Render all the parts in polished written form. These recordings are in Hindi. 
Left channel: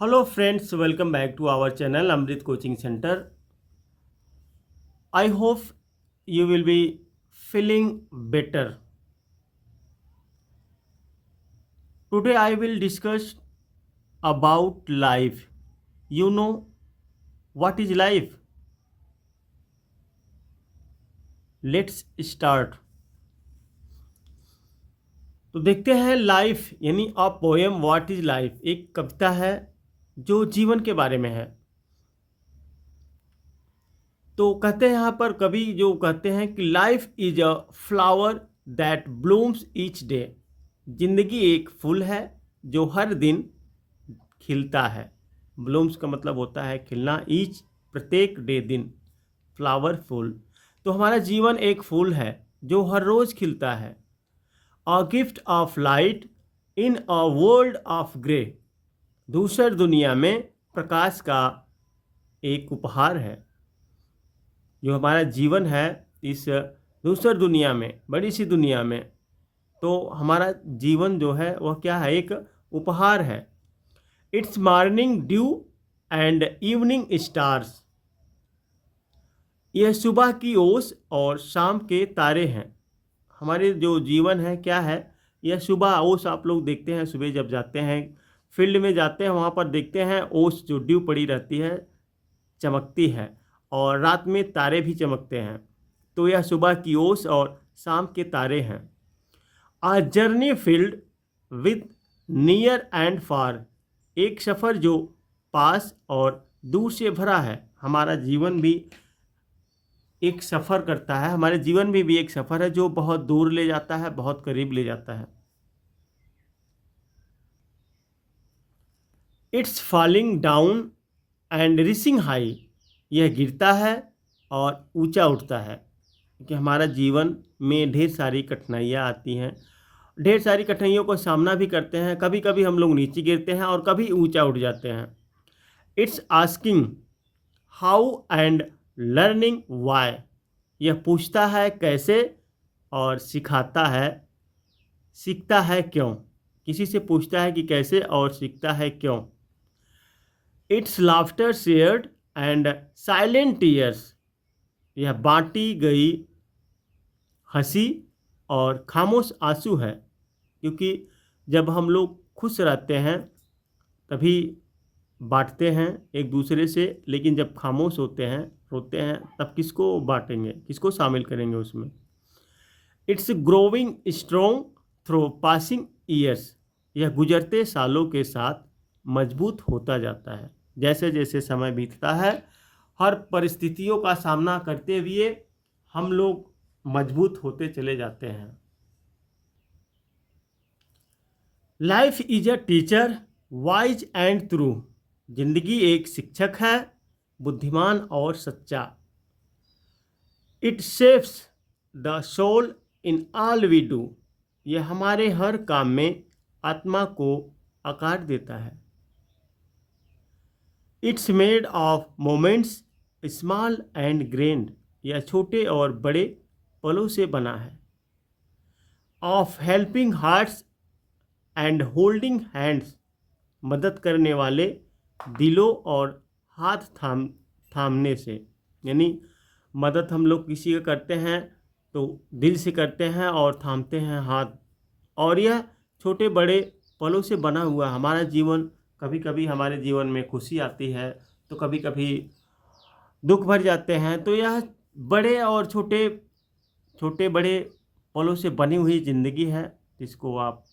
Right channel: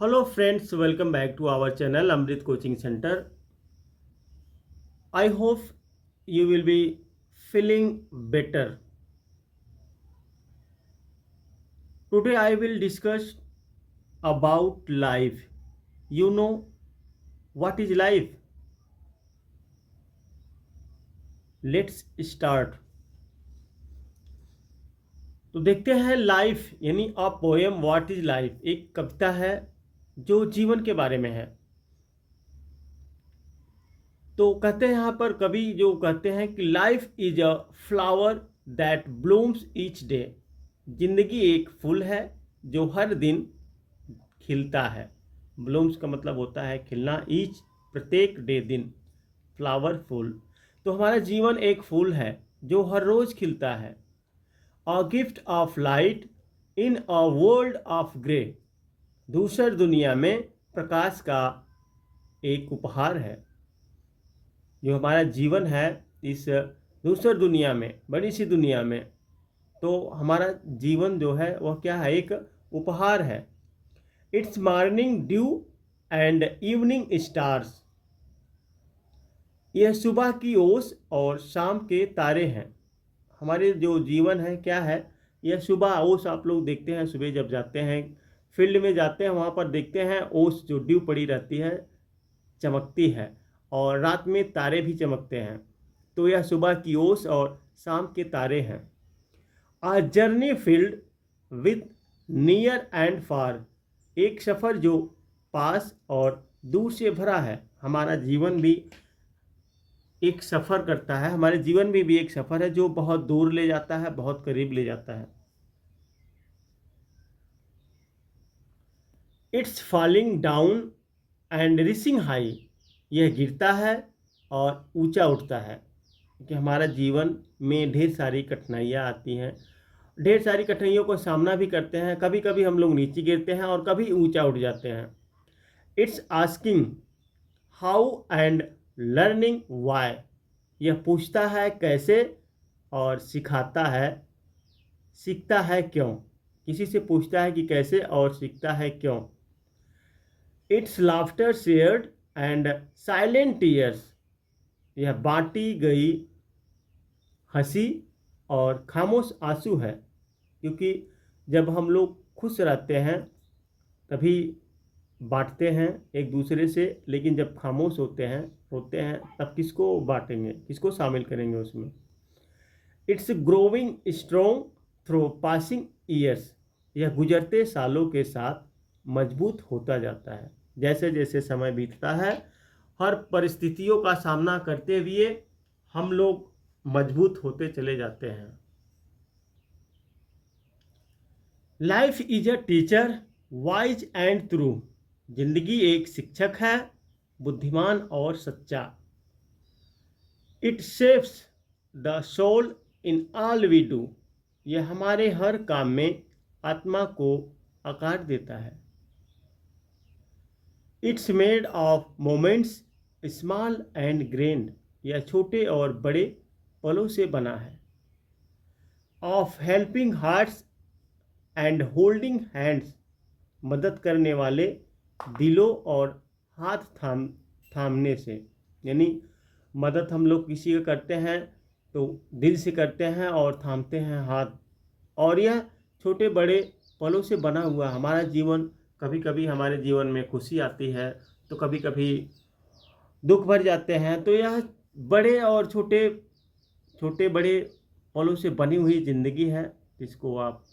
Hello friends, welcome back to our channel Amrit Coaching Center. I hope you will be feeling better. Today I will discuss about life. You know what is life? Let's start. तो देखते हैं लाइफ यानी a poem what is life, एक कविता है जो जीवन के बारे में है। तो कहते हैं यहाँ पर कवि जो कहते हैं कि life is a flower that blooms each day. जिंदगी एक फूल है जो हर दिन खिलता है। ब्लूम्स का मतलब होता है खिलना, ईच प्रत्येक डे दिन, फ्लावर फूल। तो हमारा जीवन एक फूल है जो हर रोज खिलता है। A gift of light in a world of grey. दूसर दुनिया में प्रकाश का एक उपहार है। जो हमारा जीवन है इस दूसर दुनिया में, बड़ी सी दुनिया में, तो हमारा जीवन जो है वह क्या है, एक उपहार है। It's morning due and evening stars. यह सुबह की ओस और शाम के तारे हैं। हमारे जो जीवन है क्या है, यह सुबह ओस। आप लोग देखते हैं सुबह जब जाते हैं फील्ड में जाते हैं, वहाँ पर देखते हैं ओस जो ड्यू पड़ी रहती है, चमकती है, और रात में तारे भी चमकते हैं। तो यह सुबह की ओस और शाम के तारे हैं। A journey filled with near and far. एक सफ़र जो पास और दूर से भरा है। हमारा जीवन भी एक सफ़र करता है, हमारे जीवन में भी एक सफ़र है जो बहुत दूर ले जाता है, बहुत करीब ले जाता है। It's falling down and rising high. यह गिरता है और ऊंचा उठता है। कि हमारा जीवन में ढेर सारी कठिनाइयाँ आती हैं, ढेर सारी कठिनाइयों का सामना भी करते हैं। कभी कभी हम लोग नीचे गिरते हैं और कभी ऊंचा उठ जाते हैं। It's asking how and learning why. यह पूछता है कैसे और सिखाता है, सीखता है क्यों। किसी से पूछता है कि कैसे और सीखता है क्यों। Its laughter shared and silent tears. यह बांटी गई हंसी और खामोश आंसू है। क्योंकि जब हम लोग खुश रहते हैं तभी बांटते हैं एक दूसरे से, लेकिन जब खामोश होते हैं, रोते हैं, तब किसको बांटेंगे, किसको शामिल करेंगे उसमें। It's growing strong through passing years. यह गुजरते सालों के साथ मजबूत होता जाता है। जैसे जैसे समय बीतता है, हर परिस्थितियों का सामना करते हुए हम लोग मजबूत होते चले जाते हैं। Life is a teacher wise and true. जिंदगी एक शिक्षक है, बुद्धिमान और सच्चा। It shapes the soul in all we do. यह हमारे हर काम में आत्मा को आकार देता है। It's made of moments small and grand. यह छोटे और बड़े पलों से बना है। Of helping hearts and holding hands. मदद करने वाले दिलों और हाथ थामने से। यानी मदद हम लोग किसी का करते हैं तो दिल से करते हैं और थामते हैं हाथ। और यह छोटे बड़े पलों से बना हुआ हमारा जीवन। कभी कभी हमारे जीवन में खुशी आती है तो कभी कभी दुख भर जाते हैं। तो यह बड़े और छोटे, छोटे बड़े पलों से बनी हुई ज़िंदगी है, जिसको आप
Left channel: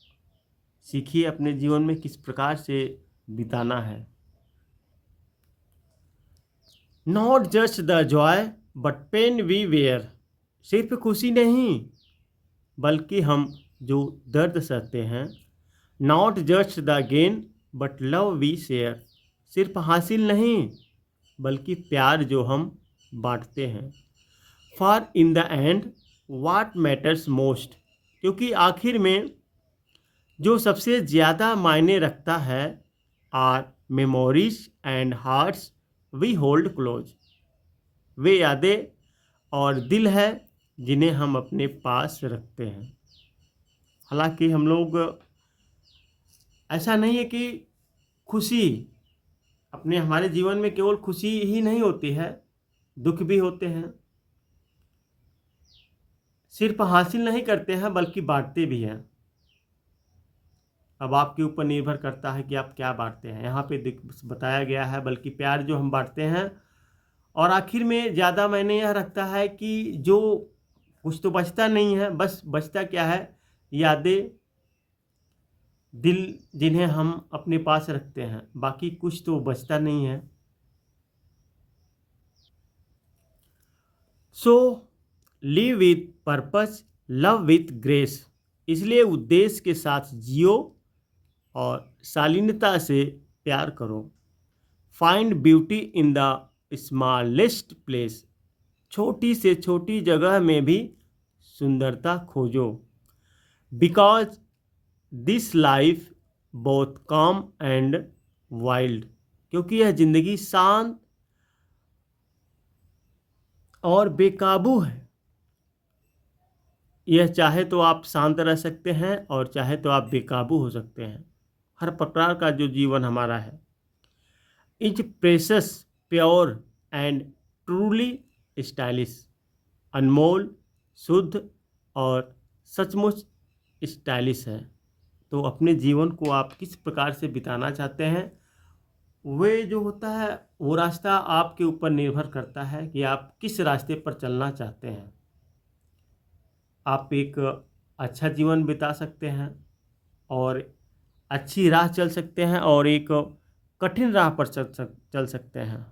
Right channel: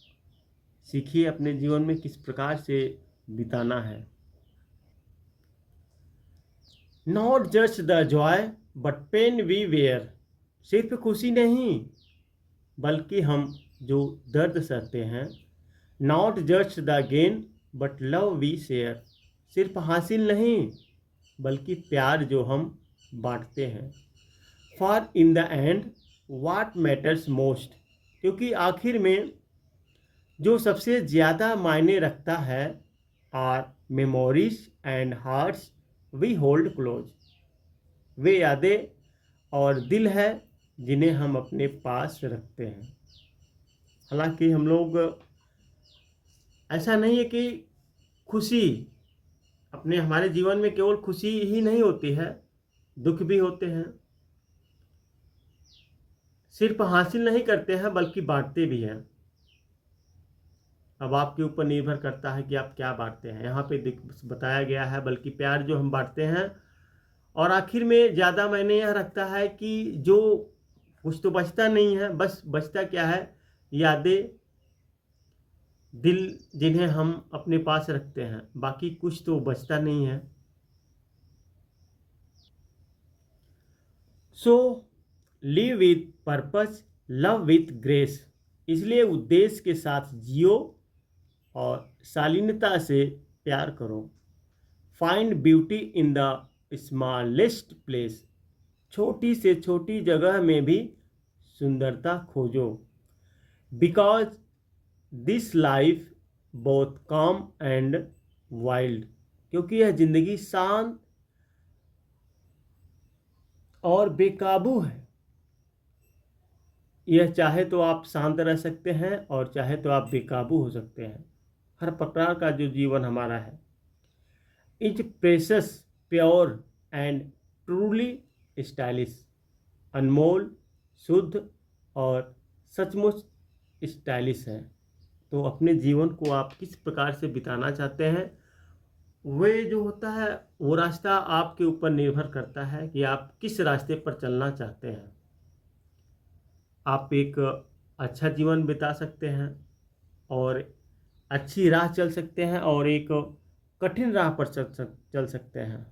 सीखिए अपने जीवन में किस प्रकार से बिताना है। Not just the joy but pain we wear. सिर्फ खुशी नहीं बल्कि हम जो दर्द सहते हैं। Not just the gain but love we share. सिर्फ हासिल नहीं बल्कि प्यार जो हम बांटते हैं। For in the end what matters most. क्योंकि आखिर में जो सबसे ज़्यादा मायने रखता है, are memories and hearts we hold close. वे यादें और दिल है जिन्हें हम अपने पास रखते हैं। हालांकि हम लोग, ऐसा नहीं है कि खुशी अपने हमारे जीवन में केवल खुशी ही नहीं होती है, दुख भी होते हैं। सिर्फ हासिल नहीं करते हैं बल्कि बाँटते भी हैं। अब आपके ऊपर निर्भर करता है कि आप क्या बाँटते हैं। यहाँ पे बताया गया है बल्कि प्यार जो हम बाँटते हैं। और आखिर में ज़्यादा मायने यह रखता है कि जो कुछ तो बचता नहीं है, बस बचता क्या है, यादें, दिल जिन्हें हम अपने पास रखते हैं, बाकी कुछ तो बचता नहीं है। So live with purpose, love with grace. इसलिए उद्देश्य के साथ जियो और शालीनता से प्यार करो। Find beauty in the smallest place. छोटी से छोटी जगह में भी सुंदरता खोजो। बिकॉज दिस लाइफ बोथ काम एंड वाइल्ड। क्योंकि यह जिंदगी शांत और बेकाबू है। यह चाहे तो आप शांत रह सकते हैं और चाहे तो आप बेकाबू हो सकते हैं। हर प्रकार का जो जीवन हमारा है is precious, pure and truly stylish. अनमोल, शुद्ध और सचमुच स्टाइलिश है। तो अपने जीवन को आप किस प्रकार से बिताना चाहते हैं, वे जो होता है वो रास्ता आपके ऊपर निर्भर करता है कि आप किस रास्ते पर चलना चाहते हैं। आप एक अच्छा जीवन बिता सकते हैं और अच्छी राह चल सकते हैं और एक कठिन राह पर चल सकते हैं।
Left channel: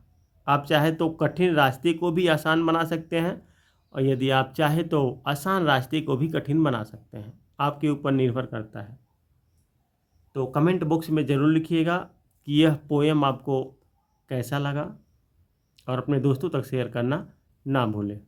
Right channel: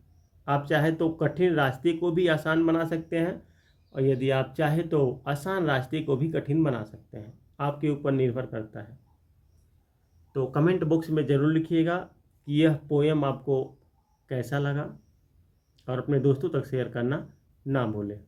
आप चाहे तो कठिन रास्ते को भी आसान बना सकते हैं और यदि आप चाहे तो आसान रास्ते को भी कठिन बना सकते हैं। आपके ऊपर निर्भर करता है। तो कमेंट बॉक्स में ज़रूर लिखिएगा कि यह पोएम आपको कैसा लगा और अपने दोस्तों तक शेयर करना ना भूलें।